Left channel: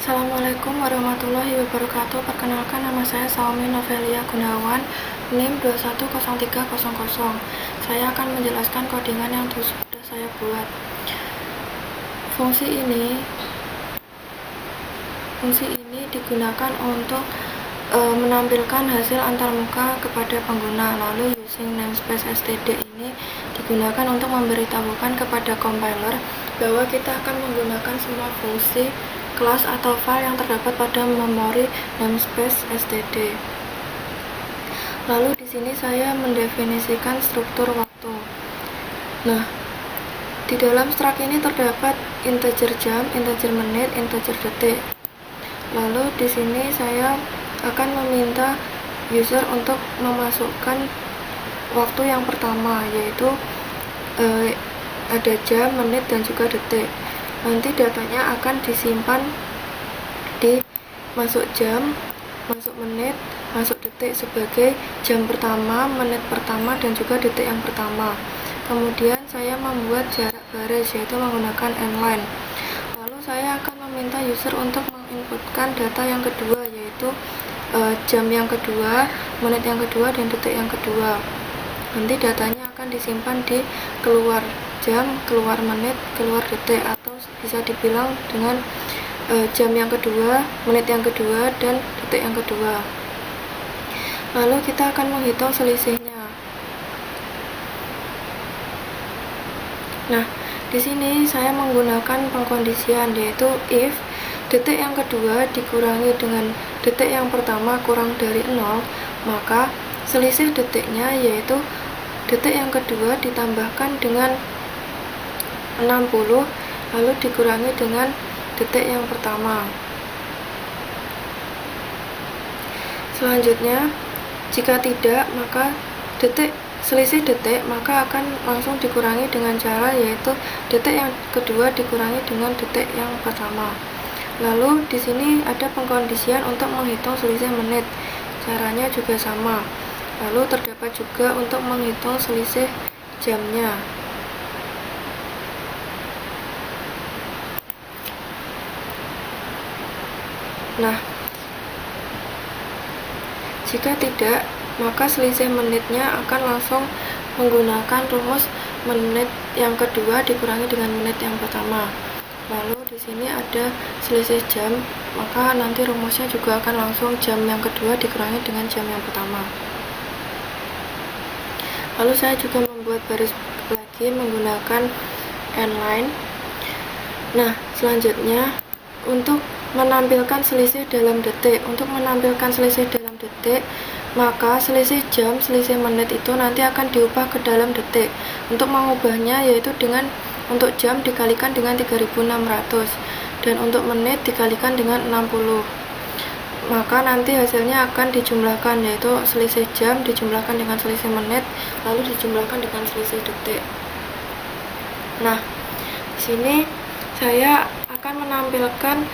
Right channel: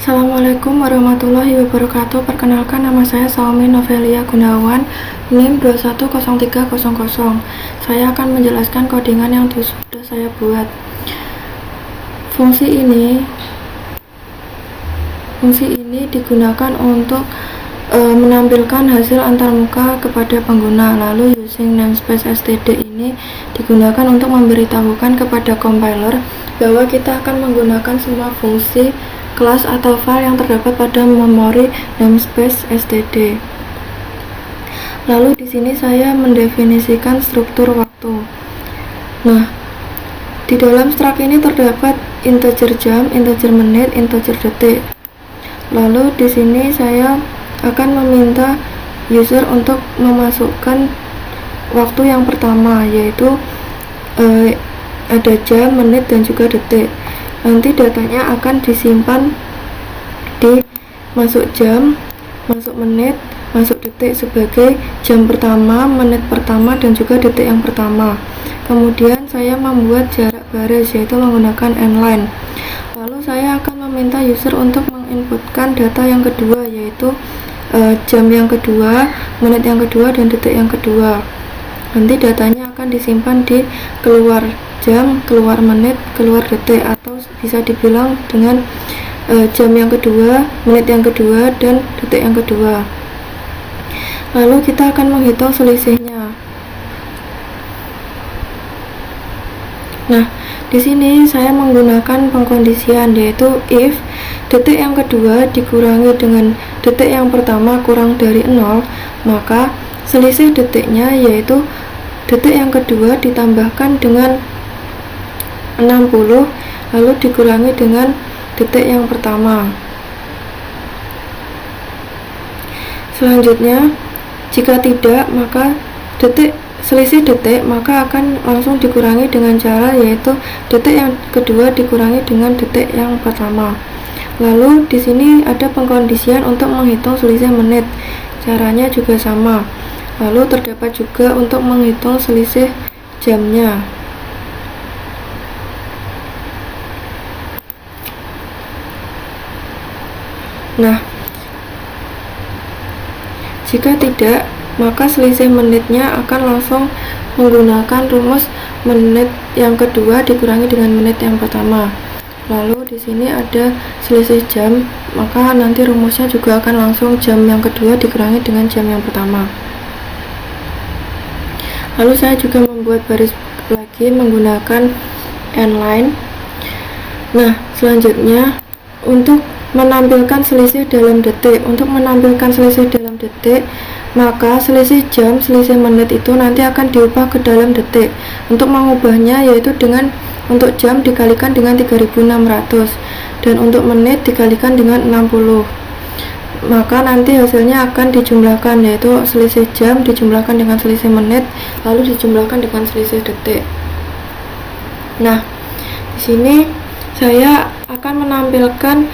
Assalamualaikum warahmatullahi wabarakatuh. Perkenalkan, nama saya Saumi Novelia Gunawan, NIM 210300. Saya akan menjelaskan codingan yang sudah saya buat. Fungsi ini digunakan untuk menampilkan hasil antarmuka kepada pengguna. Lalu using namespace std ini digunakan untuk memberitahukan kepada compiler bahwa kita akan menggunakan semua fungsi kelas atau file yang terdapat pada memori namespace std. Lalu di sini saya mendefinisikan struktur waktu. Nah, di dalam struct ini terdapat integer jam, integer menit, integer detik. Lalu di sini saya akan meminta user untuk memasukkan waktu yang pertama, yaitu ada jam, menit, dan juga detik. Nanti datanya akan disimpan di masuk jam, masuk menit, masuk detik sebagai jam pertama, menit pertama, dan juga detik yang pertama. Kemudian saya membuat jarak baris, yaitu menggunakan n-line. Lalu saya akan meminta user untuk menginputkan data yang kedua, yaitu jam yang kedua, menit yang kedua, dan detik yang kedua. Nanti datanya akan disimpan di keluar jam, keluar menit, keluar detik, atau bisa dibilang dengan jam yang kedua, menit yang kedua, dan detik yang kedua. Lalu kita akan menghitung selisihnya. Nah, di sini saya menggunakan pengkondisian, yaitu if detik yang kedua dikurangi dengan detik yang pertama kurang dari 0, maka selisih detiknya yaitu detik yang kedua ditambahkan dengan 60 lalu dikurangi dengan detik yang pertama. Selanjutnya, jika tidak, maka selisih detik maka akan langsung dikurangi dengan cara yaitu detik yang kedua dikurangi dengan detik yang pertama. Lalu di sini ada pengkondisian untuk menghitung selisih menit. Caranya juga sama. Lalu terdapat juga untuk menghitung selisih jamnya. Nah, jika tidak, maka selisih menitnya akan langsung menggunakan rumus menit yang kedua dikurangi dengan menit yang pertama. Lalu di sini ada selisih jam, maka nanti rumusnya juga akan langsung jam yang kedua dikurangi dengan jam yang pertama. Lalu saya juga membuat baris lagi menggunakan n-line. Nah, selanjutnya untuk menampilkan selisih dalam detik. Untuk menampilkan selisih dalam detik, maka selisih jam, selisih menit itu nanti akan diubah ke dalam detik. Untuk mengubahnya yaitu dengan untuk jam dikalikan dengan 3600 dan untuk menit dikalikan dengan 60. Maka nanti hasilnya akan dijumlahkan, yaitu selisih jam dijumlahkan dengan selisih menit lalu dijumlahkan dengan selisih detik. Nah, di sini saya akan menampilkan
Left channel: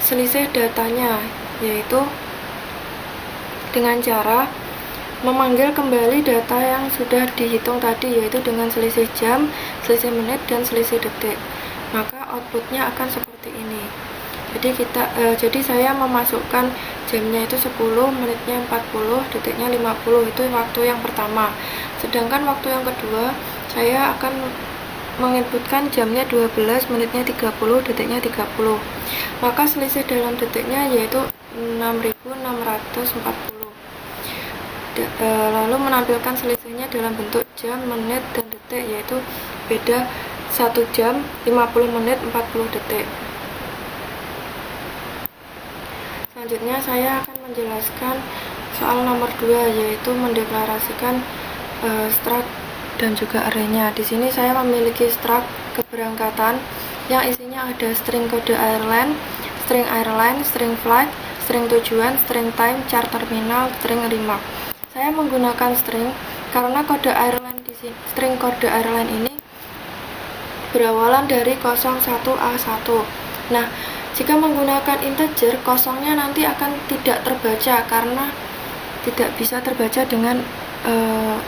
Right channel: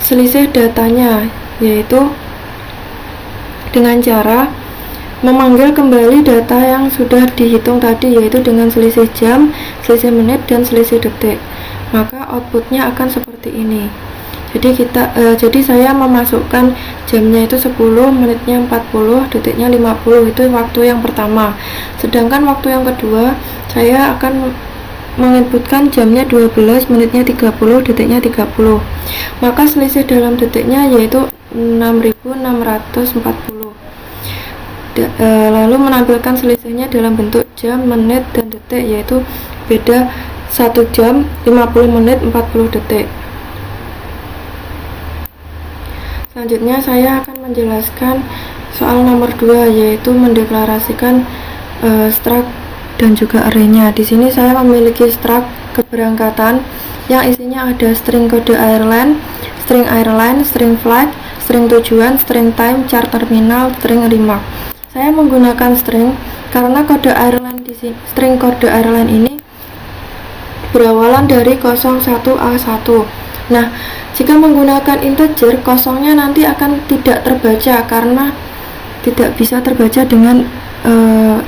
selisih datanya, yaitu dengan cara memanggil kembali data yang sudah dihitung tadi, yaitu dengan selisih jam, selisih menit, dan selisih detik. Maka outputnya akan seperti ini. Jadi saya memasukkan jamnya itu 10, menitnya 40, detiknya 50, itu waktu yang pertama. Sedangkan waktu yang kedua saya akan menginputkan jamnya 12, menitnya 30, detiknya 30. Maka selisih dalam detiknya yaitu 6640. Lalu menampilkan selisihnya dalam bentuk jam, menit, dan detik, yaitu beda 1 jam, 50 menit, 40 detik. Selanjutnya saya akan menjelaskan soal nomor 2, yaitu mendeklarasikan struct dan juga array-nya. Di sini saya memiliki struct keberangkatan yang isinya ada string kode airline, string flight, string tujuan, string time, chart terminal, string remark. Saya menggunakan string karena string kode airline ini berawalan dari 01A1. Nah, jika menggunakan integer, kosongnya nanti akan tidak terbaca karena tidak bisa terbaca dengan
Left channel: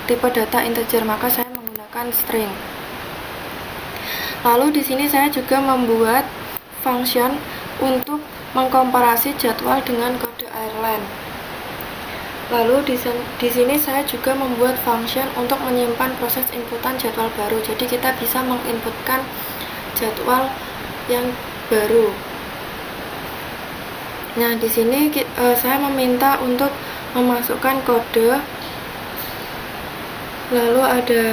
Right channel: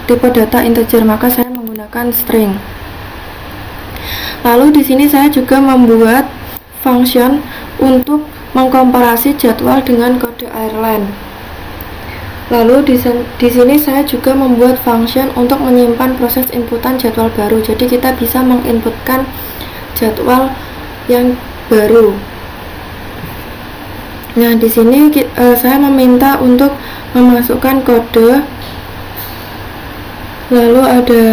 tipe data integer, maka saya menggunakan string. Lalu di sini saya juga membuat function untuk mengkomparasi jadwal dengan kode Ireland. Lalu di sini saya juga membuat function untuk menyimpan proses inputan jadwal baru. Jadi kita bisa menginputkan jadwal yang baru. Nah, di sini saya meminta untuk memasukkan kode, lalu ada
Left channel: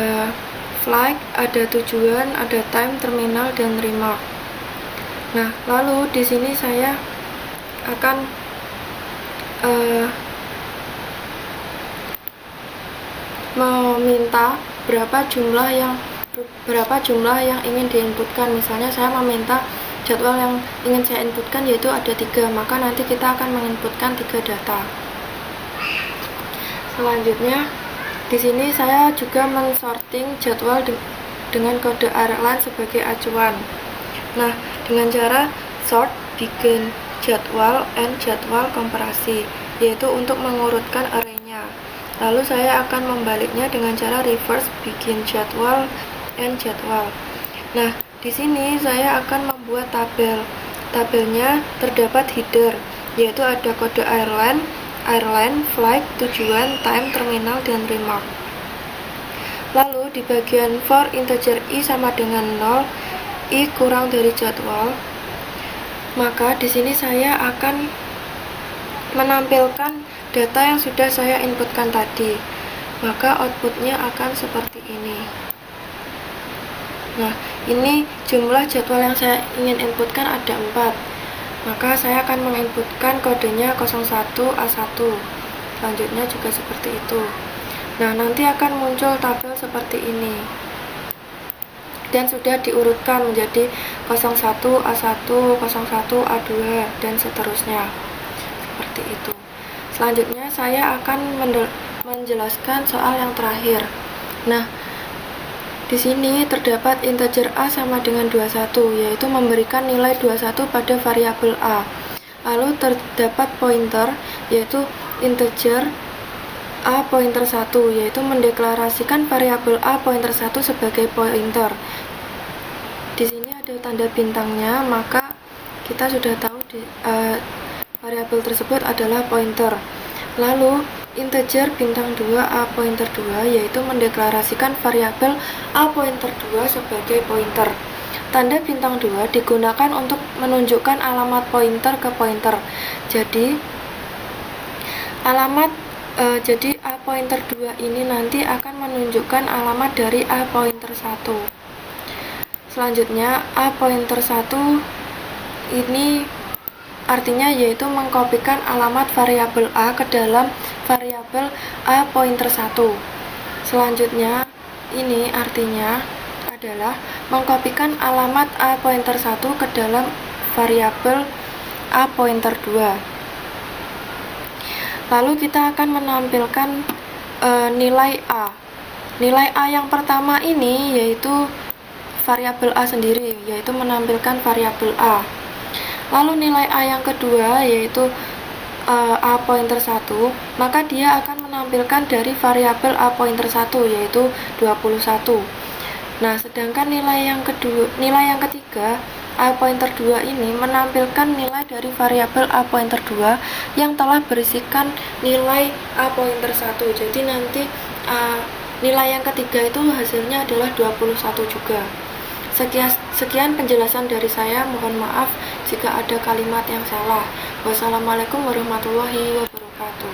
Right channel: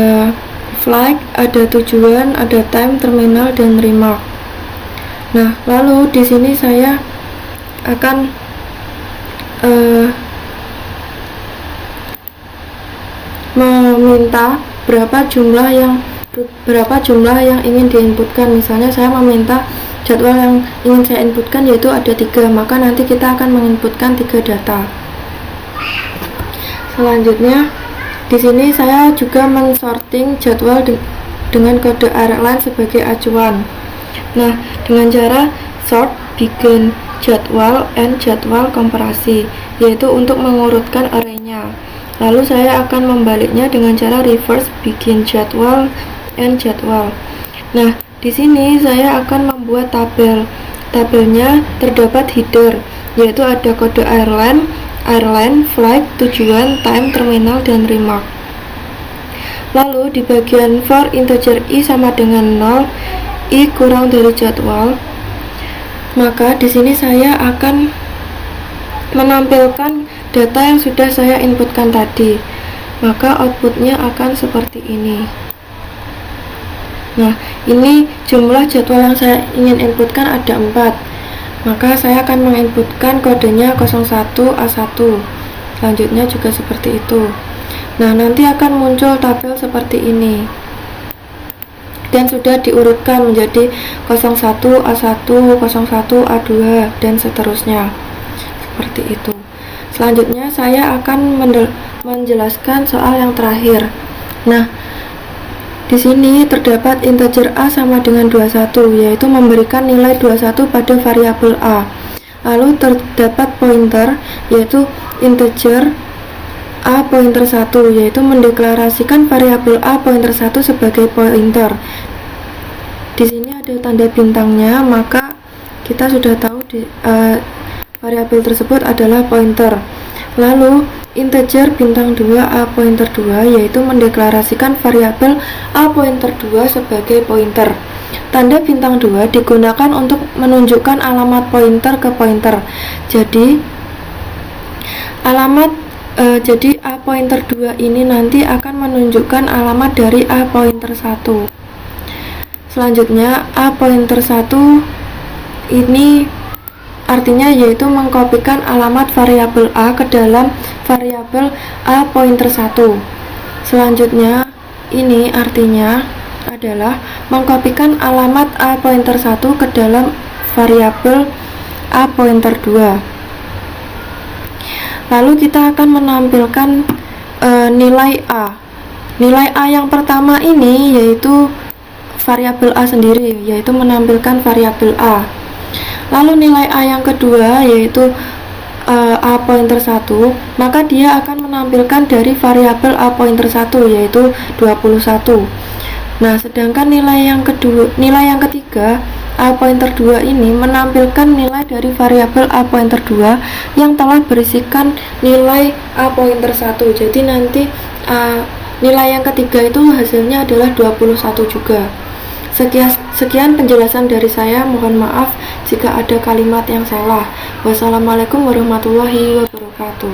flag, ada tujuan, ada time, terminal, dan remark. Nah, lalu di sini saya akan meminta berapa jumlah yang ingin diinputkan. Misalnya saya meminta jadwal yang ingin saya inputkan yaitu ada 3, maka nanti kita akan menginputkan 3 data. Selanjutnya di sini saya juga mensorting jadwal dengan kode Ireland sebagai acuan. Nah, dengan cara sort begin jadwal and jadwal komparasi, yaitu untuk mengurutkan arraynya. Lalu saya akan membaliknya dengan cara reverse begin jadwal and jadwal. Nah, di sini saya akan membuat tabel. Tabelnya terdapat header, yaitu ada kode Ireland, flag, tujuan, time, terminal, dan remark. Lalu di bagian for integer i sama dengan 0, i kurang dari jadwal, maka di sini saya akan menampilkan data yang sudah saya inputkan tadi. Maka outputnya akan seperti ini. Nah, ini jumlah jadwal yang saya ingin inputkan ada 4. Maka saya akan menginputkan kodenya 01A1. Selanjutnya juga seperti itu. Nah, nanti akan muncul tabel seperti ini. Dan sudah diurutkan menjadi 01A1, 01A2, dan seterusnya. Seperti itu. Selanjutnya saya akan menjelaskan soal yang terakhir. Nah, di sini terdapat integer a sama dengan 21, yaitu memberikan nilai 21 pada variabel a. Lalu terdapat pointer, yaitu integer a pointer 1, yaitu mendeklarasikan variabel a pointer 1 sebagai pointer. Di sini ada tanda bintangnya, maka kita sudah tahu variabel tersebut adalah pointer. Lalu integer bintang 2 a pointer 2, yaitu mendeklarasikan variabel a pointer 2 sebagai pointer. Tanda bintang 2 digunakan untuk menunjukkan alamat pointer ke pointer. Jadi a pointer 2 ini nanti akan menunjukkan alamat dari a pointer 1. Selanjutnya a pointer 1 ini artinya yaitu mengkopikan alamat variabel a ke dalam variabel a pointer 1. Selanjutnya ini artinya adalah mengkopikan alamat a pointer 1 ke dalam variabel a pointer 2. Lalu kita akan menampilkan nilai a. Nilai a yang pertama ini yaitu variabel a sendiri, yaitu menampilkan variabel a. Lalu nilai a yang kedua yaitu a pointer 1, maka dia akan menampilkan dari variabel a pointer 1 yaitu 21. Nah, sedangkan nilai yang ketiga a pointer 2 ini menampilkan nilai dari variabel a pointer 2 yang telah berisikan nilai a pointer 1. Jadi nanti nilai yang ketiga itu hasilnya adalah 21 juga. Sekian penjelasan dari saya, mohon maaf jika ada kalimat yang salah. Wassalamualaikum warahmatullahi wabarakatuh.